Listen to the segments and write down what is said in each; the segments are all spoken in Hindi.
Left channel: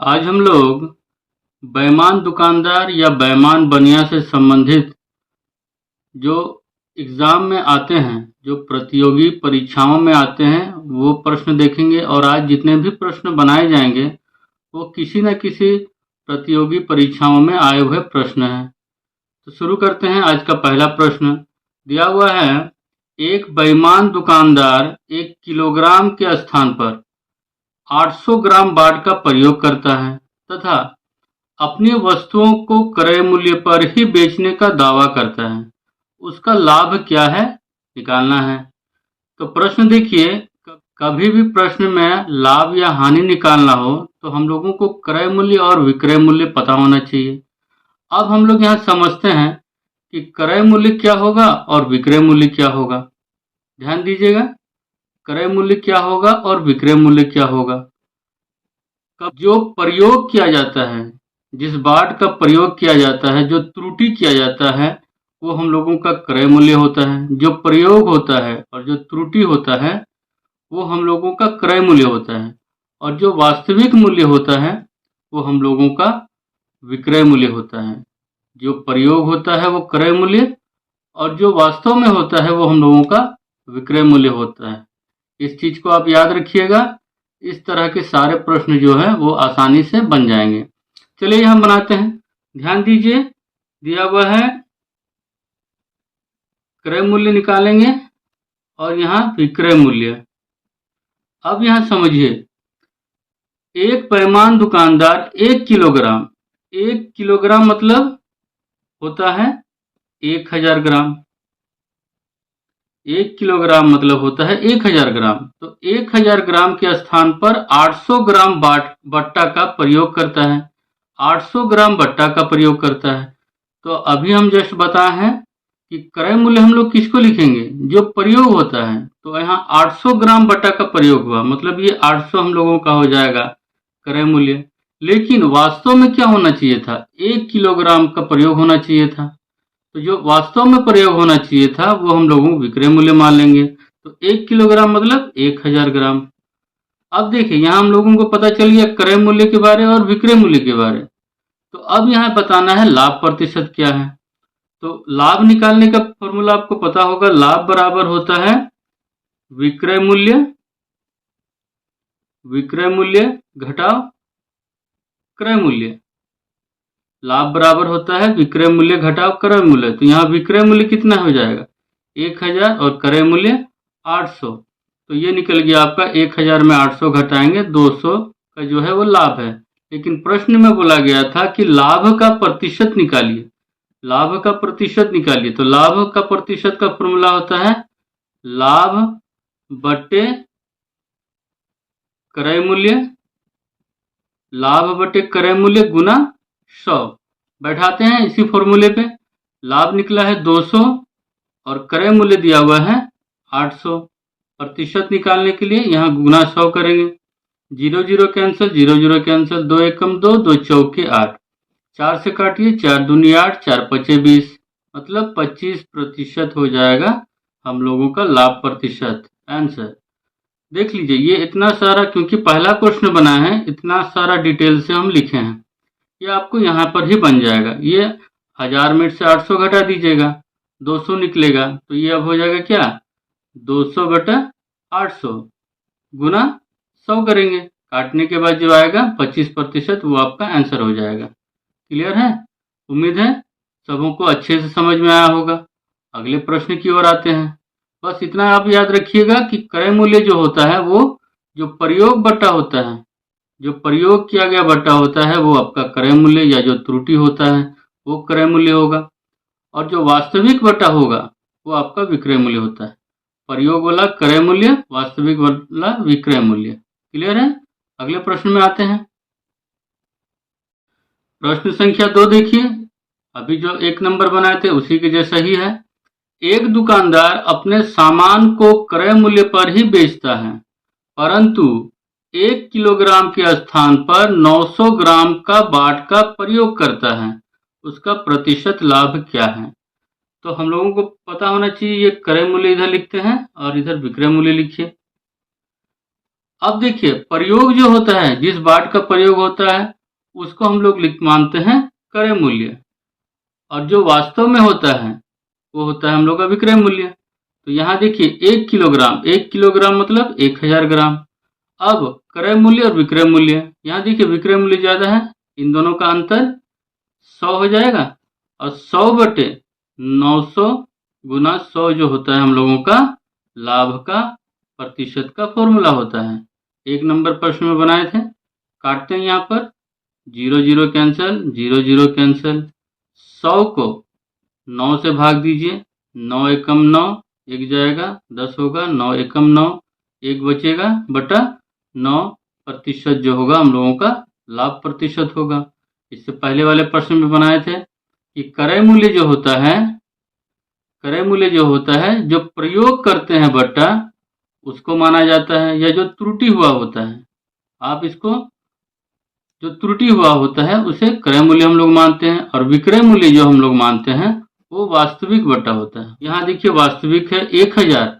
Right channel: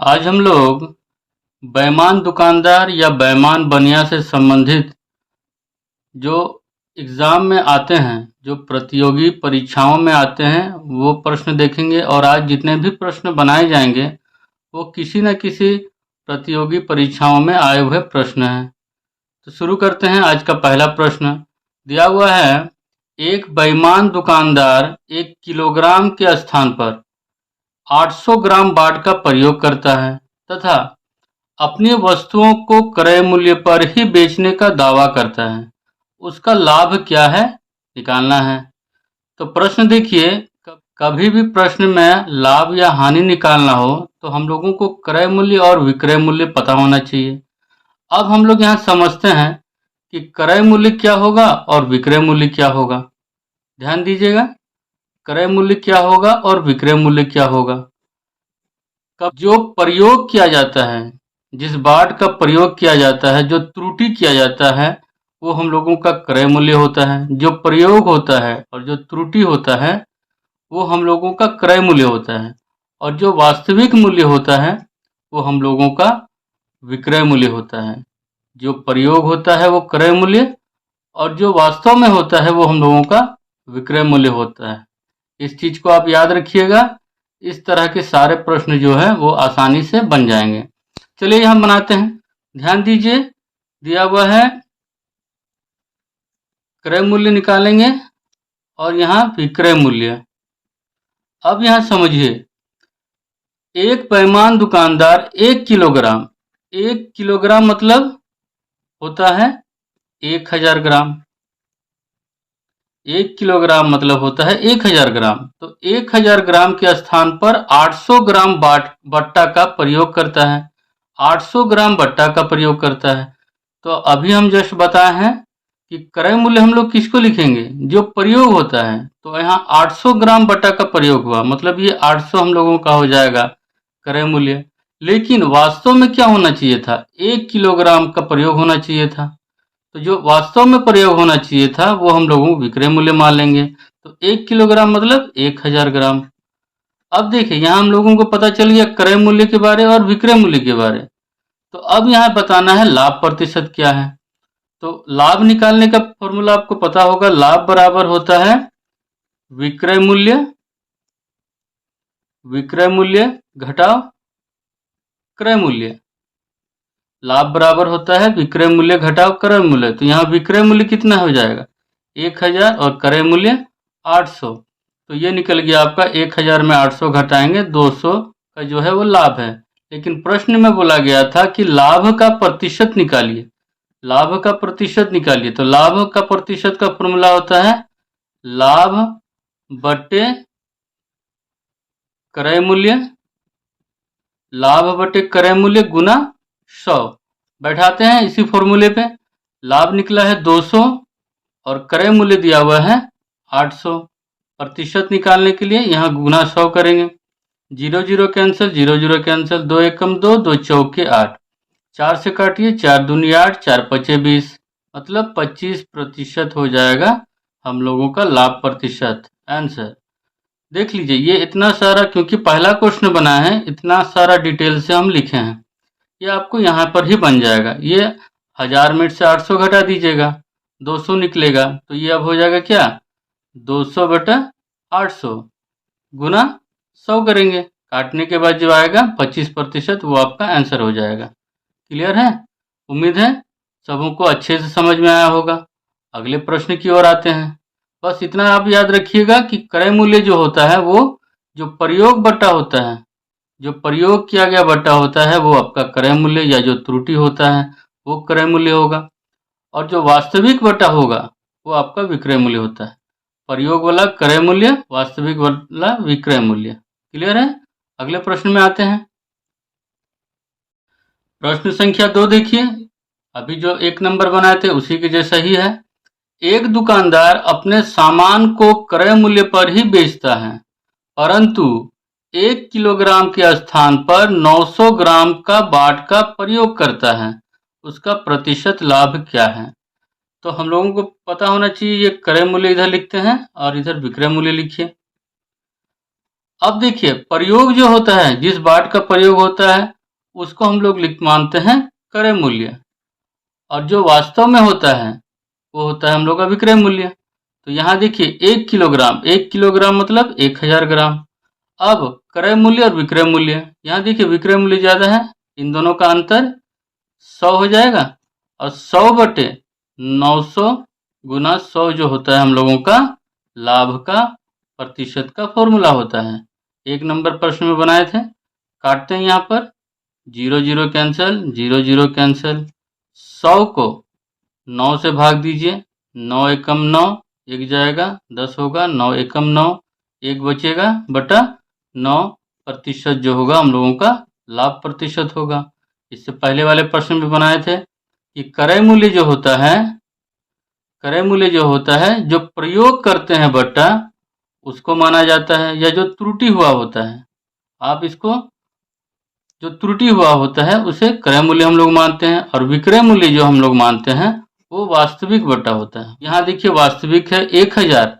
आज हम लोग बेईमान दुकानदार या बेईमान बनिया से संबंधित जो एग्ज़ाम में आते हैं, जो प्रतियोगी परीक्षाओं में आते हैं, वो प्रश्न देखेंगे और आज जितने भी प्रश्न बनाए जाएंगे, वो किसी न किसी प्रतियोगी परीक्षाओं में आए हुए प्रश्न हैं। तो शुरू करते हैं। आज का पहला प्रश्न दिया हुआ है, एक बेईमान दुकानदार 1 किलोग्राम के स्थान पर 800 ग्राम बाट का प्रयोग करता है तथा अपनी वस्तुओं को क्रय मूल्य पर ही बेचने का दावा करता है। उसका लाभ क्या है, निकालना है। तो प्रश्न देखिए, कभी भी प्रश्न में लाभ या हानि निकालना हो तो हम लोगों को क्रय मूल्य और विक्रय मूल्य पता होना चाहिए। अब हम लोग यहाँ समझते हैं कि क्रय मूल्य क्या होगा और विक्रय मूल्य क्या होगा। ध्यान दीजिएगा, क्रय मूल्य क्या होगा और विक्रय मूल्य क्या होगा। जो प्रयोग किया जाता है, जिस बाट का प्रयोग किया जाता है, जो त्रुटि किया जाता है, वो हम लोगों का क्रय मूल्य होता है। जो प्रयोग होता है और जो त्रुटि होता है, वो हम लोगों का क्रय मूल्य होता है। और जो वास्तविक मूल्य होता है, वो हम लोगों का विक्रय मूल्य होता है। जो प्रयोग होता है वो क्रय मूल्य, और जो वास्तव में होता है वो हम लोगों का विक्रय मूल्य होता है। इस चीज़ को आप याद रखिएगा। इस तरह के सारे प्रश्न जो है वो आसानी से बन जाएंगे। चलिए हम बनाते हैं। ध्यान दीजिए, दिया हुआ है क्रय मूल्य निकालेंगे और यहाँ विक्रय मूल्य। अब यहाँ समझिए, एक बेईमान दुकानदार 1 किलोग्राम मतलब होता है 1000 ग्राम। 1 किलोग्राम मतलब होता है 1000 ग्राम। तो 1000 ग्राम के स्थान पर 800 ग्राम बट्टा का प्रयोग करता है। 800 ग्राम बट्टा का प्रयोग करता है। तो अभी हम जस्ट बताए हैं कि क्रय मूल्य हम लोग किसको लिखेंगे, जो प्रयोग होता है। तो यहाँ 800 ग्राम बट्टा का प्रयोग हुआ, मतलब ये 800 हम लोगों का हो जाएगा क्रय मूल्य। लेकिन वास्तव में क्या होना चाहिए था, 1 किलोग्राम का प्रयोग होना चाहिए था। तो जो वास्तव में प्रयोग होना चाहिए था वो हम लोगों को विक्रय मूल्य मान लेंगे। तो 1 किलोग्राम मतलब 1000 ग्राम। अब देखिए, यहाँ हम लोगों को पता चल गया क्रय मूल्य के बारे और विक्रय मूल्य के बारे। तो अब यहाँ बताना है लाभ प्रतिशत क्या है। तो लाभ निकालने का फॉर्मूला आपको पता होगा। लाभ बराबर होता है विक्रय मूल्य, विक्रय मूल्य घटाव क्रय मूल्य। लाभ बराबर होता है विक्रय मूल्य घटाव क्रय मूल्य। तो यहाँ विक्रय मूल्य कितना हो जाएगा, 1000, और क्रय मूल्य 800। तो ये निकल गया आपका 1000 में 800 घटाएंगे 200 का जो है वो लाभ है। लेकिन प्रश्न में बोला गया था कि लाभ का प्रतिशत निकालिए, लाभ का प्रतिशत निकालिए। तो लाभ का प्रतिशत का फॉर्मूला होता है लाभ बटे क्रय मूल्य, लाभ बटे क्रय मूल्य गुना 100। बैठाते हैं इसी फॉर्मूले पे। लाभ निकला है 200 और क्रय मूल्य दिया हुआ है 800। प्रतिशत निकालने के लिए यहाँ गुना 100 करेंगे। 0 0 कैंसिल, 0 0 कैंसिल, 2 एकम 2, 2 चौके 8, 4 से काटिए, 4 दूनी 8, 4 पचे 20, मतलब 25% हो जाएगा हम लोगों का लाभ प्रतिशत। आंसर देख लीजिए, ये इतना सारा, क्योंकि पहला क्वेश्चन बना है, इतना सारा डिटेल से हम लिखे हैं। ये आपको यहाँ पर ही बन जाएगा। ये 1000 में से 800 घटा दीजिएगा, 200 निकलेगा। तो ये अब हो जाएगा क्या, 200 बटा 800 गुना 100 करेंगे। काटने के बाद जो आएगा 25%, वो आपका आंसर हो जाएगा। क्लियर है? उम्मीद है सबों को अच्छे से समझ में आया होगा। अगले प्रश्न की ओर आते हैं। बस इतना आप याद रखिएगा कि क्रय मूल्य जो होता है वो जो प्रयोग बट्टा होता है, जो प्रयोग किया गया बट्टा होता है, वो आपका क्रय मूल्य, या जो त्रुटि होता है वो क्रय मूल्य होगा। और जो वास्तविक बट्टा होगा वो आपका विक्रय मूल्य होता है। प्रयोग वाला क्रय मूल्य, वास्तविक वाला विक्रय मूल्य। क्लियर है? अगले प्रश्न में आते हैं। प्रश्न संख्या 2 देखिए, अभी जो 1 नंबर बनाए थे उसी के जैसा ही है। एक दुकानदार अपने सामान को क्रय मूल्य पर ही बेचता है, परंतु 1 किलोग्राम के स्थान पर 900 ग्राम का बाट का प्रयोग करता है। उसका प्रतिशत लाभ क्या है? तो हम लोगों को पता होना चाहिए, ये क्रय मूल्य इधर लिखते हैं और इधर विक्रय मूल्य लिखिए। अब देखिए प्रयोग जो होता है, जिस बाट का प्रयोग होता है उसको हम लोग मानते हैं क्रय मूल्य, और जो वास्तव में होता है वो होता है हम लोग का विक्रय मूल्य। तो यहाँ देखिए 1 किलोग्राम मतलब 1000 ग्राम। अब क्रय मूल्य और विक्रय मूल्य, यहाँ देखिए विक्रय मूल्य ज़्यादा है, इन दोनों का अंतर 100 हो जाएगा, और 100/900 गुना 100 जो होता है हम लोगों का लाभ का प्रतिशत का फॉर्मूला होता है। 1 नंबर प्रश्न में बनाए थे। काटते हैं यहाँ पर, 0 0 कैंसिल, 0 0 कैंसिल। 100 को 9 से भाग दीजिए, 9 एकम 9, 1 जाएगा, 10 होगा, 9 एकम 9, 1 बचेगा बटा 9% जो होगा हम लोगों का लाभ प्रतिशत होगा। इससे पहले वाले प्रश्न में बनाए थे कि क्रय मूल्य जो होता है, जो प्रयोग करते हैं बट्टा, उसको माना जाता है, या जो त्रुटि हुआ होता है, आप इसको जो त्रुटि हुआ होता है उसे क्रय मूल्य हम लोग मानते हैं, और विक्रय मूल्य जो हम लोग मानते हैं वो वास्तविक बट्टा होता है। यहाँ देखिए वास्तविक है 1000,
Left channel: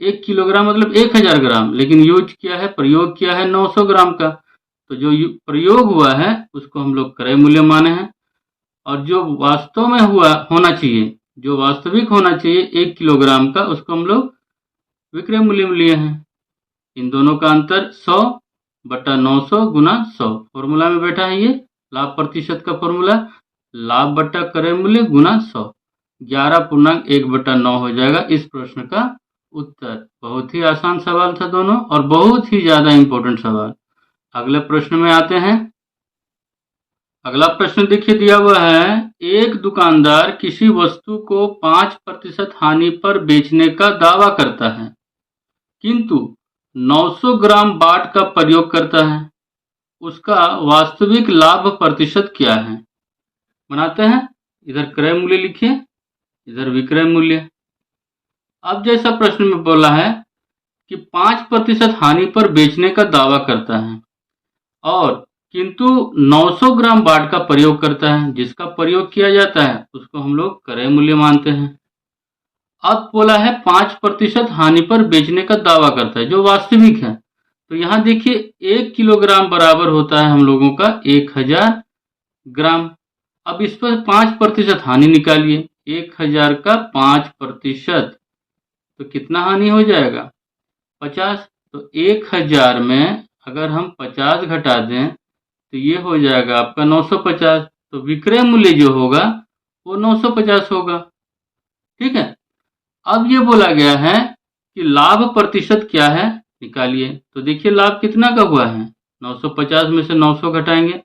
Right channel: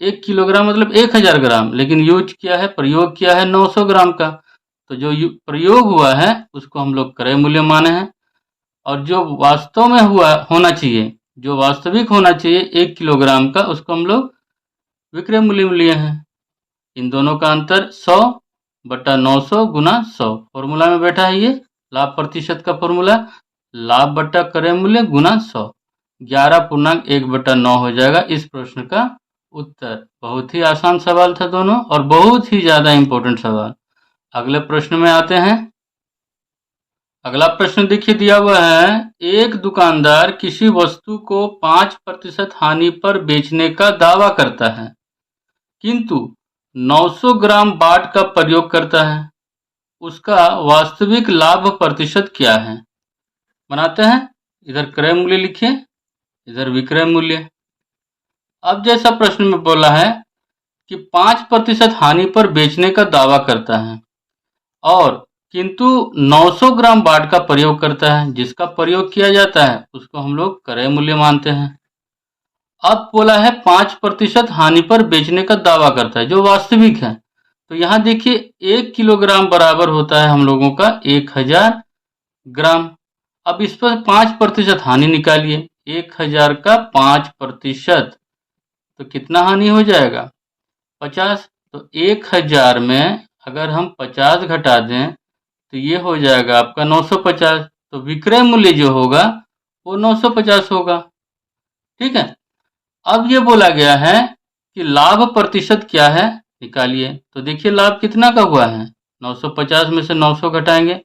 1 किलोग्राम मतलब 1000 ग्राम, लेकिन यूज किया है, प्रयोग किया है 900 ग्राम का, तो जो प्रयोग हुआ है उसको हम लोग क्रय मूल्य माने हैं, और जो वास्तव में होना चाहिए, जो वास्तविक होना चाहिए 1 किलोग्राम का, उसको हम लोग विक्रय मूल्य लिए हैं। इन दोनों का अंतर 100/900 गुना 100 फॉर्मूला में बैठा है, ये लाभ प्रतिशत का फॉर्मूला, लाभ बट्टा क्रय मूल्य गुना 100, 11.1/9 हो जाएगा इस प्रश्न का उत्तर। बहुत ही आसान सवाल था दोनों, और बहुत ही ज़्यादा इम्पोर्टेंट सवाल। अगले प्रश्न में आते हैं। अगला प्रश्न देखिए दिया हुआ है, एक दुकानदार किसी वस्तु को 5% हानि पर बेचने का दावा करता है, किंतु 900 ग्राम बाट का प्रयोग करता है, उसका वास्तविक लाभ प्रतिशत क्या है? बनाते हैं, इधर क्रय मूल्य लिखिए, इधर विक्रय मूल्य। अब जैसा प्रश्न में बोला है कि 5% हानि पर बेचने का दावा करता है, और किंतु 900 ग्राम बाट का प्रयोग करता है, जिसका प्रयोग किया जाता है उसको हम लोग क्रय मूल्य मानते हैं। अब बोला है 5% हानि पर बेचने का दावा करता है, जो वास्तविक है। तो यहाँ देखिए 1 किलोग्राम बराबर होता है हम लोगों का 1000 ग्राम। अब इस पर 5% हानि निकालिए, 1000 का 5%, तो कितना हानि हो जाएगा? 50। तो 1000 में अगर हम 50 घटा दें तो ये हो जाएगा आपका 950। तो विक्रय मूल्य जो होगा वो 950 होगा। ठीक है। अब ये बोला गया है कि लाभ प्रतिशत क्या है, निकालिए। तो देखिए लाभ कितना का हुआ है, 950 में से 900 घटाएंगे,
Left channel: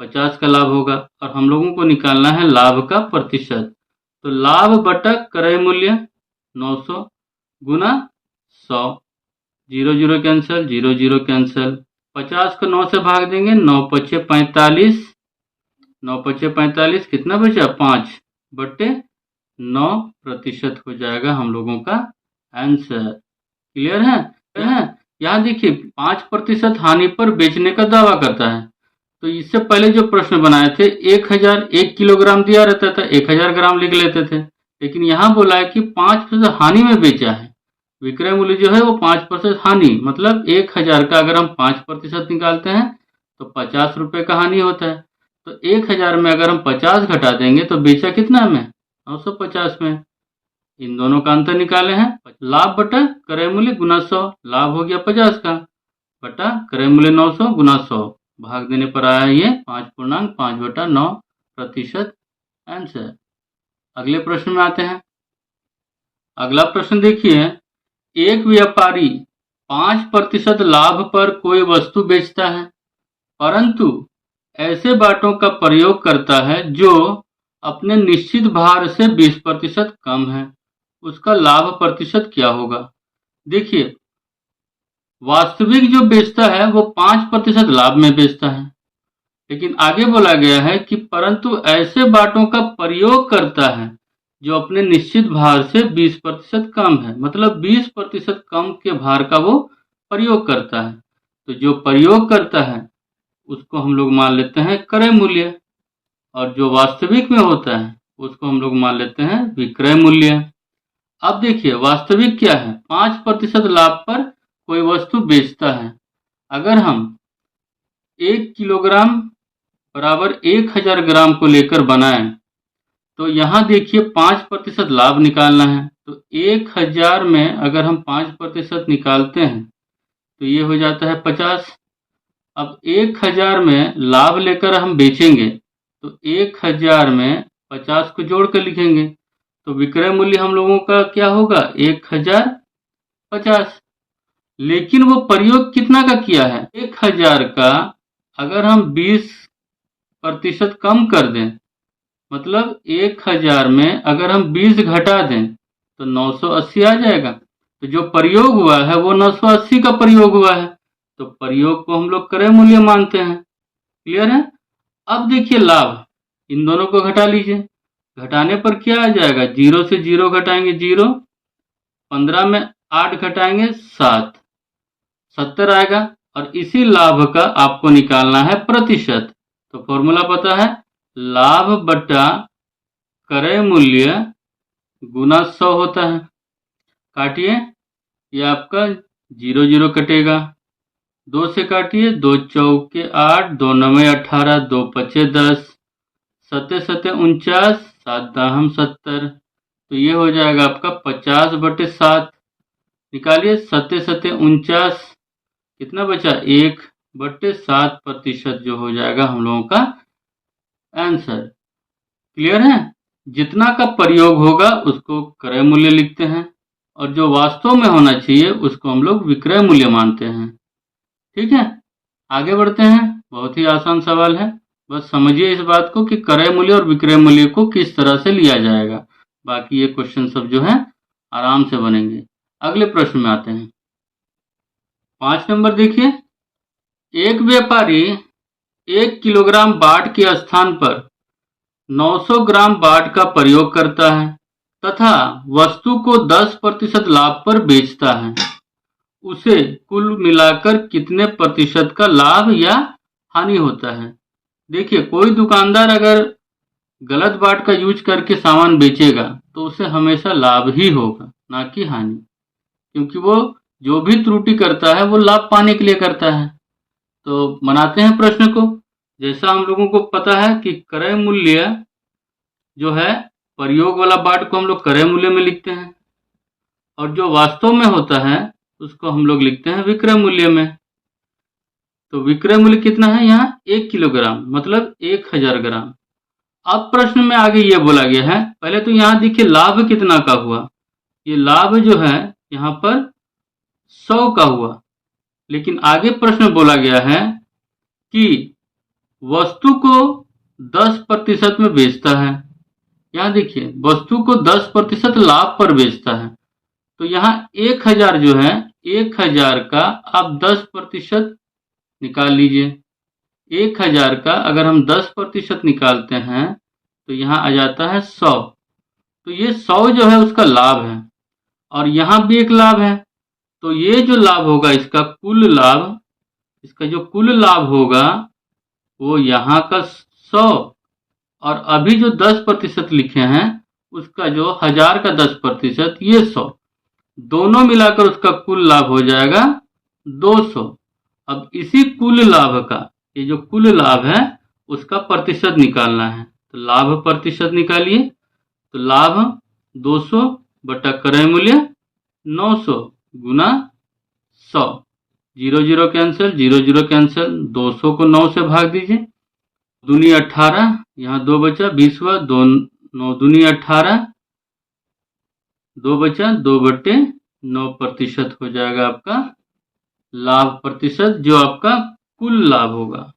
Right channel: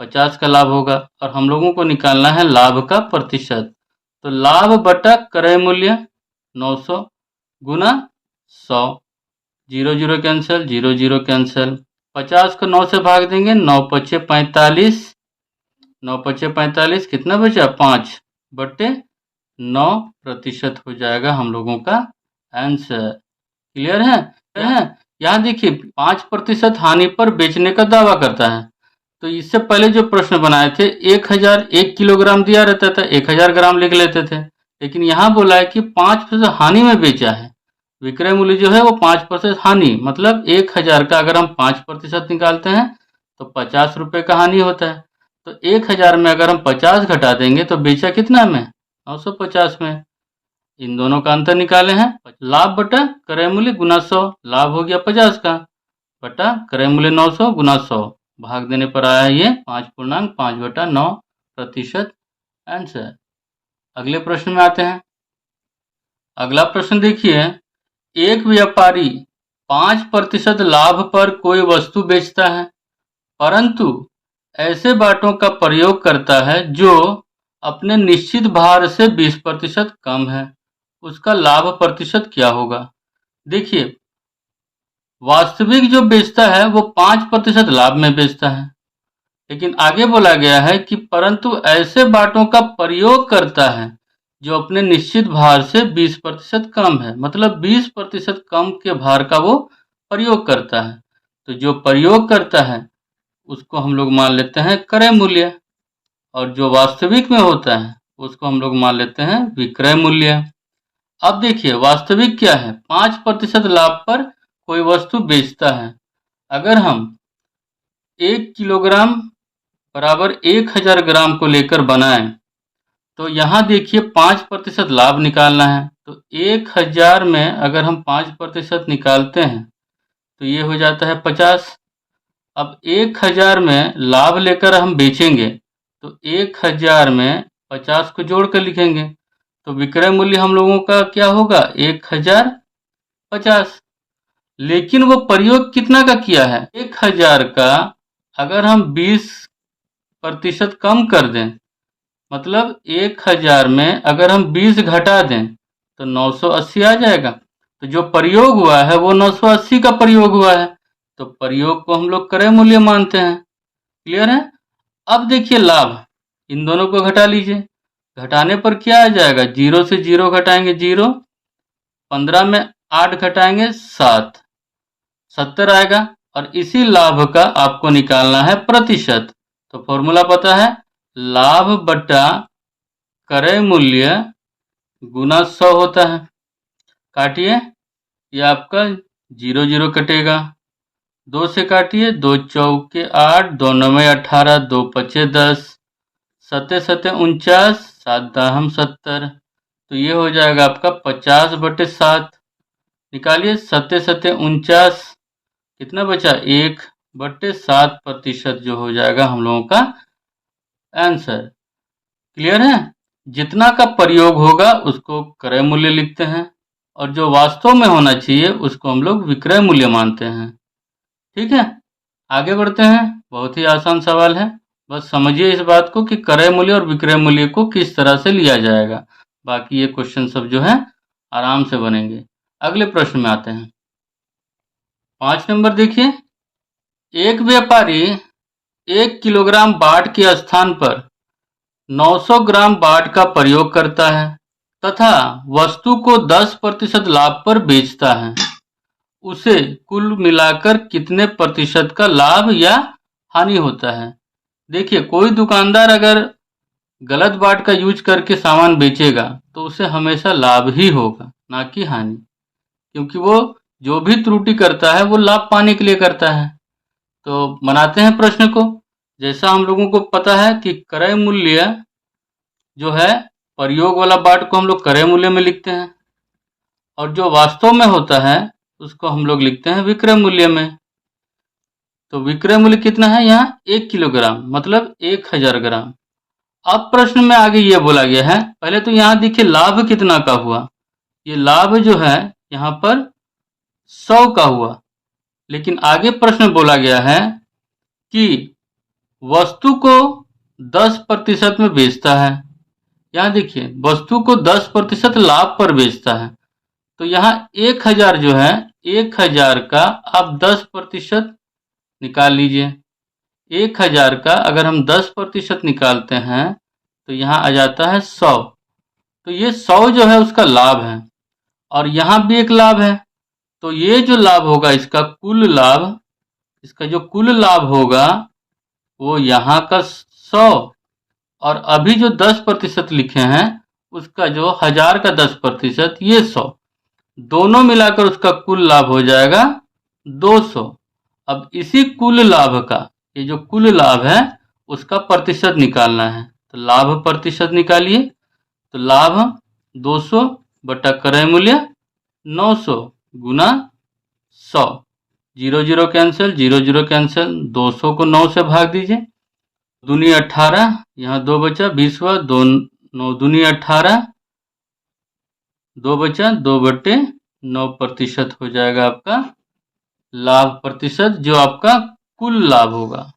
50 का लाभ होगा, और हम लोगों को निकालना है लाभ का प्रतिशत। तो लाभ बटा क्रय मूल्य 900 गुना 100, 0 0 कैंसिल, 0 0 कैंसिल। 50 को 9 से भाग देंगे, 9 पचे 45, 9 पचे 45, कितना बचा? 5/9% हो जाएगा हम लोगों का आंसर। क्लियर है? यहाँ देखिए 5% हानि पर बेचने का दावा करता है। तो इससे पहले जो प्रश्न बनाए थे 1 किलोग्राम दिया रहता था, 1000 ग्राम लिख लेते थे, लेकिन यहाँ बोला है कि 5% हानि में बेचा है। विक्रय मूल्य जो है वो 5% हानि, मतलब 1000 का अगर हम 5% निकालते हैं तो 50 रुपये का हानि होता है। तो 1000 में अगर हम 50 घटा देंगे तो बेचा कितना में? 950 में। इन दोनों का अंतर निकाले हैं, लाभ बटा क्रय मूल्य गुना 100, लाभ हो गया 50 का, बटा क्रय मूल्य 900 गुना 100, भाग देने पर आया ये 5.5/9% आंसर। अगले प्रश्न में आते हैं। अगला प्रश्न देखिए, एक व्यापारी 5% लाभ पर कोई वस्तु बेचता है, परंतु ऐसे बाटों का प्रयोग करता है जो अपने निश्चित भार से 20% कम है, उसका लाभ प्रतिशत क्या होगा? देखिए वास्तविक जो बेचता है वो 5% लाभ में बेचता है, लेकिन आगे बोला गया है कि परंतु ऐसे बाटों का प्रयोग करता है जो अपने निश्चित भार से 20% कम है, मतलब 20% कम के भार का वो प्रयोग करता है। तो जो प्रयोग करता है उसको हम लोग मान लेते हैं क्रय मूल्य, और जो वास्तविक में होता है उसको हम लोग मान लेते हैं विक्रय मूल्य। अब देखिए वास्तविक क्या है, 5% लाभ पर कोई वस्तु बेचता है, अगर हम 1 किलोग्राम बराबर 1000 ग्राम को लेकर बनाएं, तो यहाँ देखिए 5% लाभ निकालना है। तो 1000 में अगर हम 5% निकालते हैं तो ये हो जाता है 50। अब 1000 में लाभ लेकर हम बेचेंगे तो 1000 में 50 को जोड़ कर लिखेंगे, तो विक्रय मूल्य हम लोगों का क्या होगा 1050। लेकिन वो प्रयोग कितना का किया है 1000 का, अगर हम 20% कम कर दें, मतलब 1000 में अगर हम 20 घटा दें तो 980 आ जाएगा। तो जो प्रयोग हुआ है वो 980 का प्रयोग हुआ है, तो प्रयोग को हम लोग क्रय मूल्य मानते हैं। क्लियर है। अब देखिए लाभ, इन दोनों को घटा लीजिए। घटाने पर क्या आ जाएगा, 0 से 0 घटाएंगे 0, 15 में 8 घटाएंगे 7, 70 आएगा। और इसी लाभ का आपको निकालना है प्रतिशत। तो फॉर्मूला पता है, लाभ बटा क्रय मूल्य गुना 100 होता है। काटिए, ये आपका 0 0 कटेगा, 2 से काटिए, 2 चौके 8, 2 नवे 18, 2 पचे 10, 7 7 49, 7 दाहम 70। तो ये हो जाएगा आपका 50/7। निकालिए, 7 7 49, कितना बचा 1/7% जो हो जाएगा हम लोगों का आंसर। क्लियर है। जितना का प्रयोग होगा उसको क्रय मूल्य लिखते हैं, और जो वास्तव में होना चाहिए उसको हम लोग विक्रय मूल्य मानते हैं। ठीक है, आगे बढ़ते हैं। बहुत ही आसान सवाल है, बस समझिए इस बात को कि क्रय मूल्य और विक्रय मूल्य को किस तरह से लिया जाएगा। बाकी ये क्वेश्चन सब जो है आराम से बनेंगे। अगले प्रश्न में आते हैं। 5 नंबर देखिए, एक व्यापारी 1 किलोग्राम बाट के स्थान पर 900 ग्राम बाट का प्रयोग करता है तथा वस्तु को 10% लाभ पर बेचता है। उसे कुल मिलाकर कितने प्रतिशत का लाभ या हानि होता है। देखिए, कोई दुकानदार अगर गलत बाट का यूज करके सामान बेचेगा तो उसे हमेशा लाभ ही होगा, ना कि हानि, क्योंकि वो जो भी त्रुटि करता है वो लाभ पाने के लिए करता है। तो बनाते हैं प्रश्न को। जैसा हम लोगों को पता है कि क्रय मूल्य जो है, प्रयोग वाला बाट को हम लोग क्रय मूल्य में लिखते हैं, और जो वास्तव में होता है उसको हम लोग लिखते हैं विक्रय मूल्य में। तो विक्रय मूल्य कितना है यहाँ 1 किलोग्राम, मतलब 1000 ग्राम। अब प्रश्न में आगे ये बोला गया है, पहले तो यहाँ देखिए लाभ कितना का हुआ, ये लाभ जो है यहाँ पर 100 का हुआ। लेकिन आगे प्रश्न बोला गया है कि वस्तु को 10% में बेचता है। यहाँ देखिए, वस्तु को 10% लाभ पर बेचता है। तो यहाँ 1000 जो है, 1000 का आप 10% निकाल लीजिए। 1000 का अगर हम 10% निकालते हैं तो यहाँ आ जाता है 100। तो ये 100 जो है उसका लाभ है, और यहाँ भी एक लाभ है। तो ये जो लाभ होगा इसका कुल लाभ, इसका जो कुल लाभ होगा वो यहाँ का 100, और अभी जो 10% लिखे हैं उसका जो 1000 का 10% ये 100, दोनों मिलाकर उसका कुल लाभ हो जाएगा 200। अब इसी कुल लाभ का, ये जो कुल लाभ है उसका प्रतिशत निकालना है। तो लाभ प्रतिशत निकालिए। तो लाभ 200 बटा क्रय मूल्य 900 गुना 100। 0 0 कैंसिल, 0 0 कैंसिल, 200 को 9 से भाग दीजिए, दूनी 18, यहाँ 2 बचा, 20 हुआ, 2 9 दूनी 18, 2 बचा, 2/9% हो जाएगा आपका लाभ प्रतिशत, जो आपका कुल लाभ होगा,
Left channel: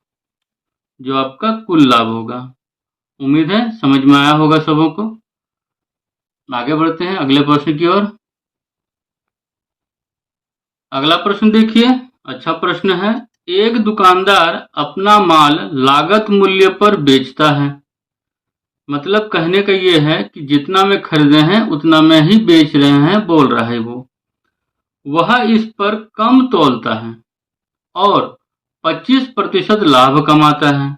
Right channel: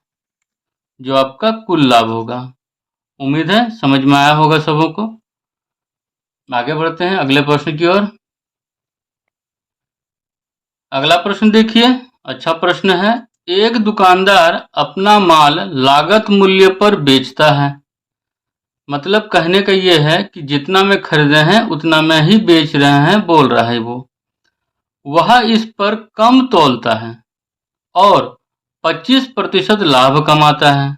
जो आपका कुल लाभ होगा। उम्मीद है समझ में आया होगा सबों को। आगे बढ़ते हैं अगले प्रश्न की ओर। अगला प्रश्न देखिए, अच्छा प्रश्न है। एक दुकानदार अपना माल लागत मूल्य पर बेचता है। मतलब कहने का ये है कि जितना में खरीदे हैं उतना में ही बेच रहे हैं, बोल रहा है वो। वह इस पर कम तौलता है और 25% लाभ कमाता है।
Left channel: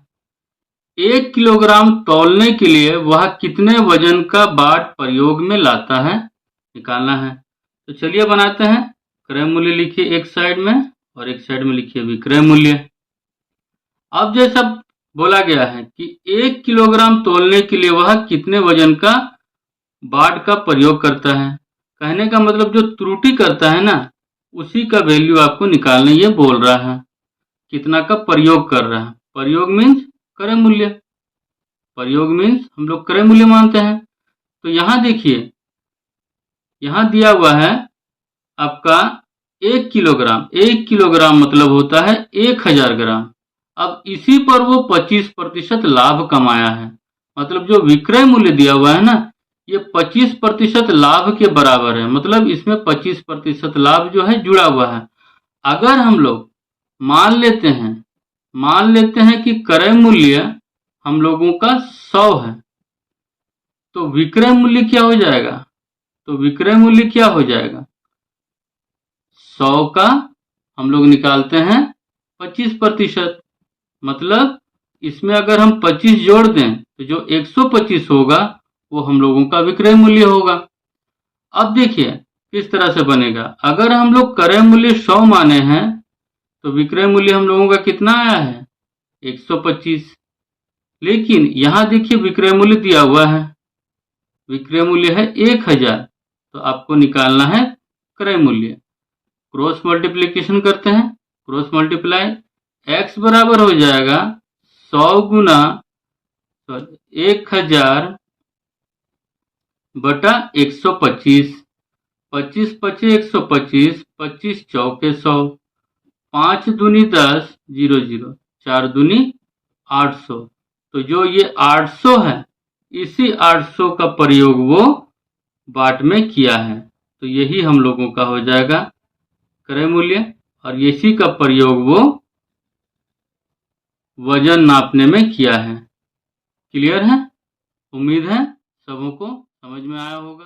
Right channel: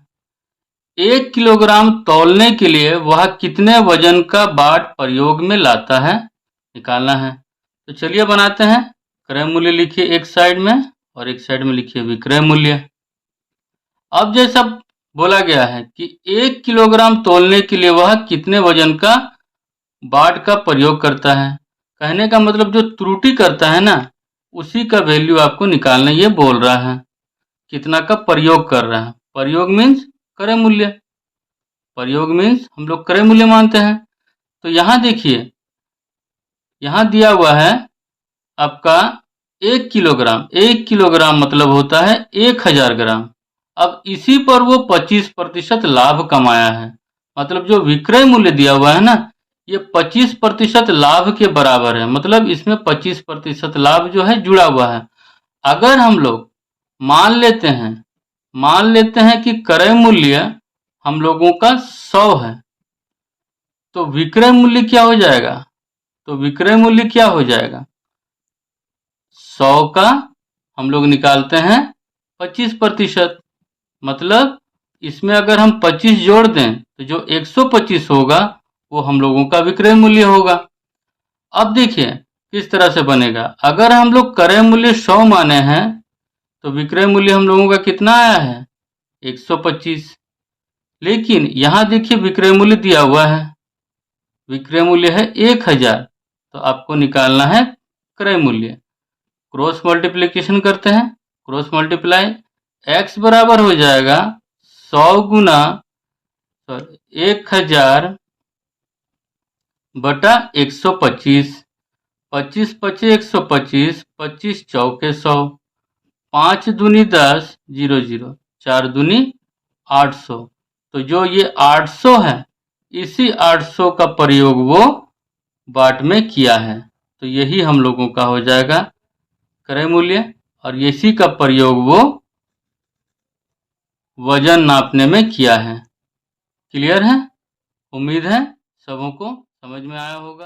1 किलोग्राम तौलने के लिए वह कितने वजन का बाट प्रयोग में लाता है, निकालना है। तो चलिए बनाते हैं। क्रय मूल्य लिखिए एक साइड में और एक साइड में लिखिए विक्रय मूल्य। अब जैसा बोला गया है कि 1 किलोग्राम तौलने के लिए वह कितने वजन का बाट का प्रयोग करता है। कहने का मतलब जो त्रुटि करता है ना, उसी का वैल्यू आपको निकालना, ये बोल रहा है कितना का प्रयोग कर रहा है। प्रयोग मीन्स क्रय मूल्य, प्रयोग मीन्स हम लोग क्रय मूल्य मानते हैं। तो यहाँ देखिए, यहाँ दिया हुआ है आपका 1 किलोग्राम। 1 किलोग्राम मतलब होता है 1000 ग्राम। अब इसी पर वो 25% लाभ कमाया है, मतलब जो विक्रय मूल्य दिया हुआ है ना, ये 25% लाभ के बराबर है, मतलब इसमें 25% लाभ जो है जुड़ा हुआ है। अगर हम लोग मान लेते हैं कि क्रय मूल्य हम लोगों का 100 है, तो विक्रय मूल्य क्या हो जाएगा? तो विक्रय मूल्य क्या हो जाएगा? 100 का हम लोग निकालते हैं 25%, मतलब इसमें अगर हम 25 जोड़ दें तो जो 125 होगा वो हम लोगों का विक्रय मूल्य होगा। अब देखिए किस तरह से बनेगा। अगर हम लोग क्रय मूल्य 100 माने हैं तो विक्रय मूल्य हम लोगों का कितना आया है? 125। लेकिन यहाँ देखिए विक्रय मूल्य दिया हुआ है, विक्रय मूल्य है 1000, तो आपको निकालना है क्रय मूल्य। क्रॉस मल्टीप्लिकेशन करते हैं, क्रॉस मल्टीप्लाई, x बराबर हो जाएगा 100 गुना 1000 बटा 125। 25 पचे 125, 25 चौके 100, 5 दूनी 10, 0 0, 4 दूनी 800। तो जो ये 800 है, इसी 800 का प्रयोग वो बाट में किया है, तो यही हम लोगों का हो जाएगा क्रय मूल्य, और इसी का प्रयोग वो वजन नापने में किया है। क्लियर है? उम्मीद है सबों को समझ में आया होगा।